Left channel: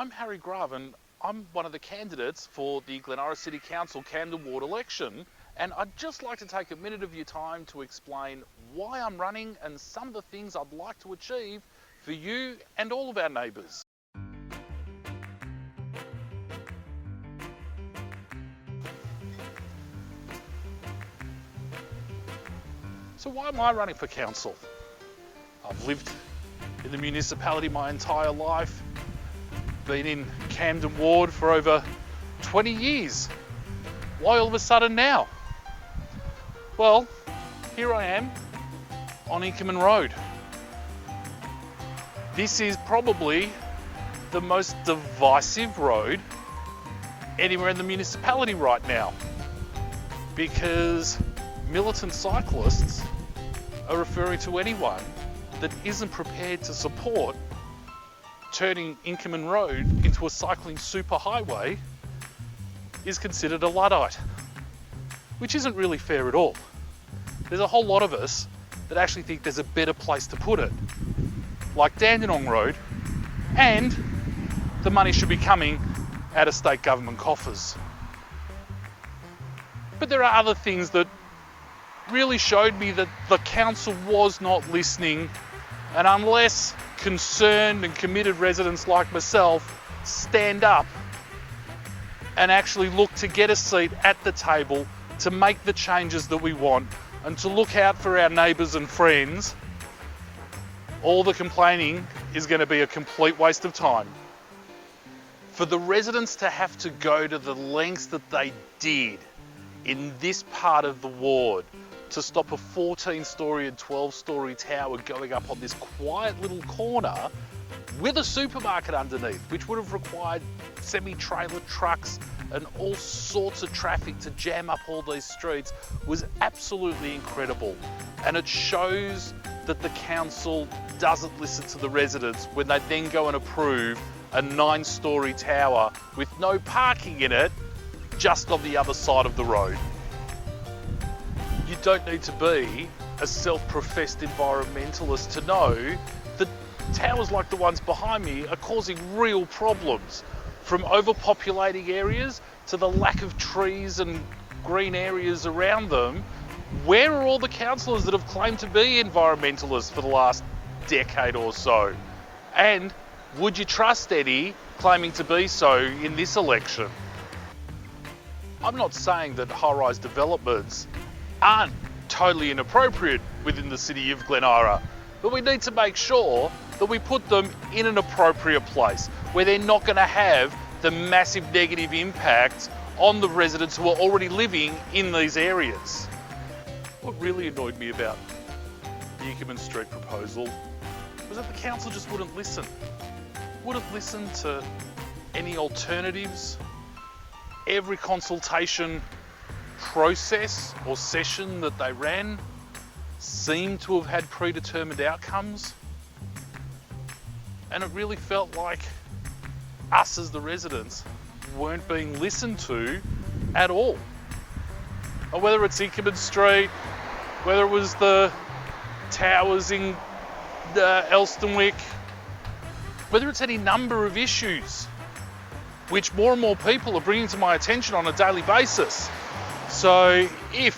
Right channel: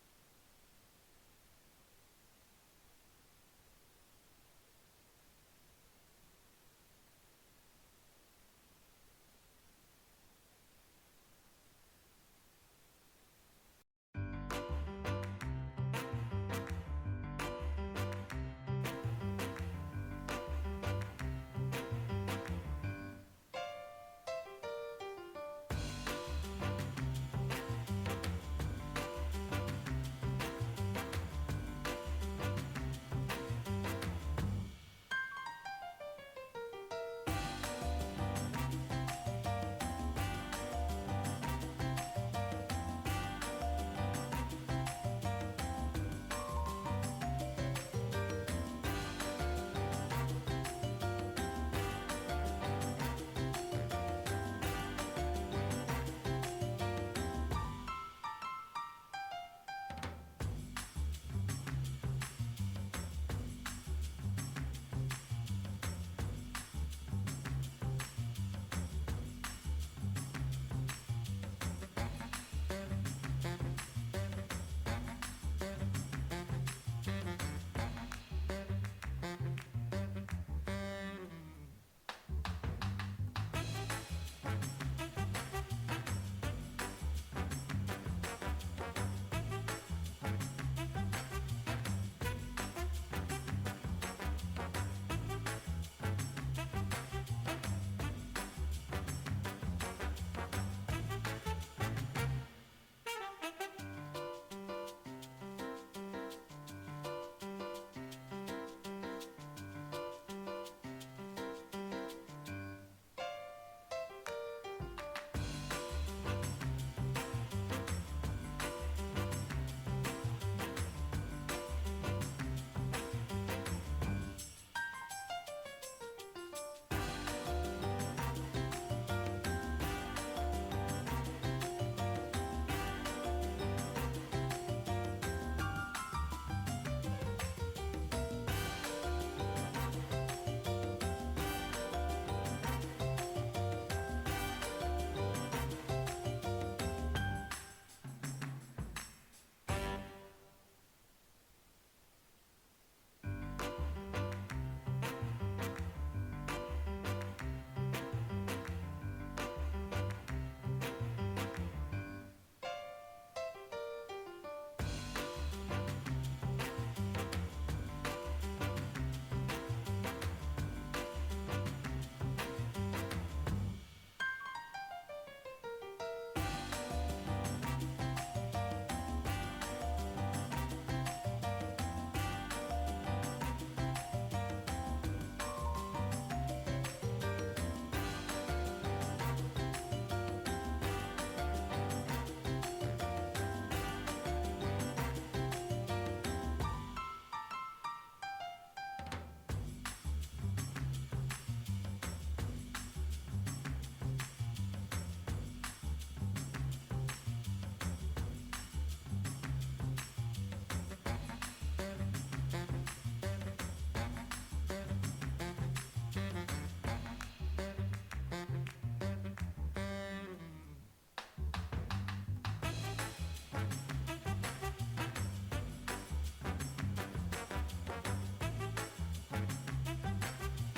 I'm Harry Grave and I'm one of the candidates for the Glen Eira City Council Camden Ward election, and I'd just like to take a minute of your time to explain why I'm running and some of the things I'd like to achieve for you and all of our neighbours. So why am I running for council? I've lived in the municipality my entire life, been in Camden Ward for over 20 years. Why all of a sudden now? Well, here I am on Inkerman Road. This is probably the most divisive road anywhere in the municipality right now, because militant cyclists are referring to anyone that isn't prepared to support turning Inkerman Road into a cycling superhighway is considered a Luddite, which isn't really fair at all. There's a whole lot of us that actually think there's a better place to put it, like Dandenong Road, and the money should be coming out of state government coffers. But there are other things that really showed me that the council was not listening, and unless concerned and committed residents like myself stand up and actually look to get a seat at the table to make the changes that we want and to look out for our neighbours and friends, all the complaining is going to be a complete waste of time. For the residents to have to go to the lengths that they did in this part of the ward to stop a 14-storey and 12-storey tower going up on this quiet little corner with a supermarket underneath, which would have required semi-trailer trucks and all sorts of traffic to jam up all these streets, was absolutely incredible. And it shows that the council doesn't listen to the residents when they then go and approve a 9-storey tower with no parking in it just on the other side of the road. You don't need to be a self-professed environmentalist to know that towers like the ones behind me are causing real problems, from overpopulating areas to the lack of trees and green areas around them. Where are all the councillors that have claimed to be environmentalists for the last decade or so? And would you trust any claiming to be so in this election? I'm not saying that high-rise developments aren't totally inappropriate within the city of Glen Eira, but we need to make sure that we put them in an appropriate place where they're not going to have the massive negative impact on the residents who are already living in these areas. What really annoyed me about the Inkerman Street proposal was that the council just wouldn't listen. Wouldn't listen to any alternatives. Every consultation process or session that they ran seemed to have had predetermined outcomes, and it really felt like us as the residents weren't being listened to at all. And whether it's Inkerman Street, whether it was the towers in Elsternwick, whether it's any number of issues which more and more people are bringing to my attention on a daily basis. So if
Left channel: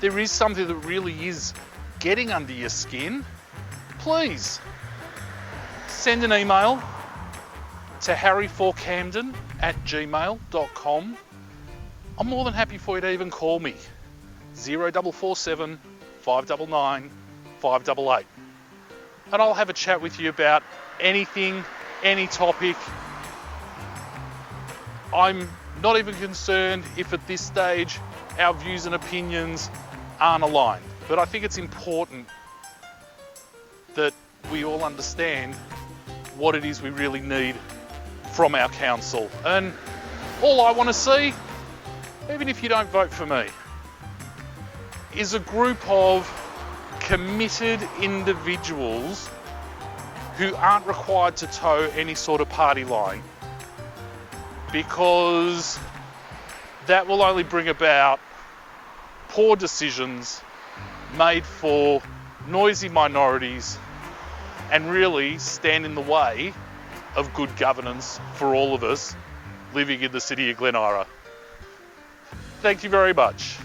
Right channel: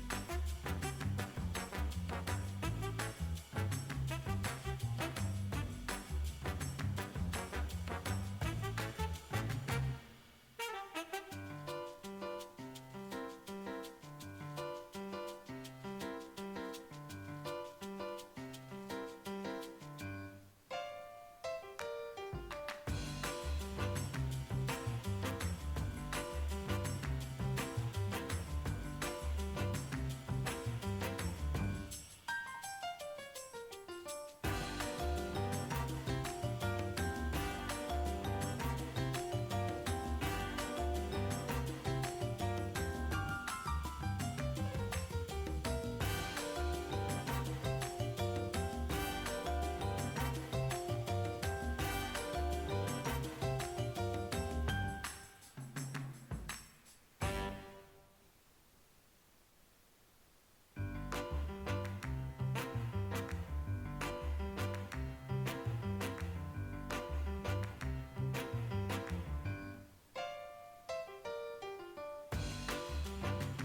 there is something that really is getting under your skin, please send an email to harry4camden@gmail.com. I'm more than happy for you to even call me, 0447 599 588. And I'll have a chat with you about anything, any topic. I'm not even concerned if at this stage our views and opinions aren't aligned, but I think it's important that we all understand what it is we really need from our council. And all I want to see, even if you don't vote for me, is a group of committed individuals who aren't required to toe any sort of party line, because that will only bring about poor decisions made for noisy minorities and really stand in the way of good governance for all of us living in the city of Glen Eira. Thank you very much.